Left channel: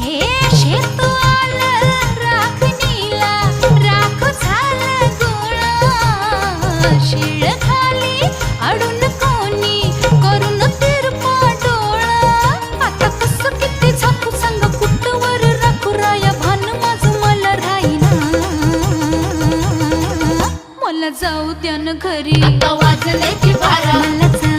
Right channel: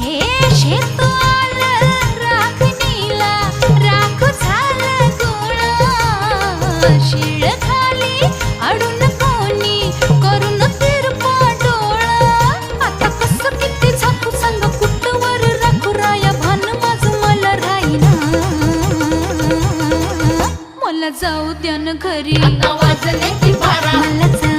हे शेत आलं राखणीला, राख झालं गोळा. शिळ खाली अडून कोणी करून तिरपा डोळा. आता कसं किती झाकू सांग कुठवर राखू राया, भान माझं मला राहीना. मला जाऊ द्या न घरी, वाजले की बारा, मला जाऊ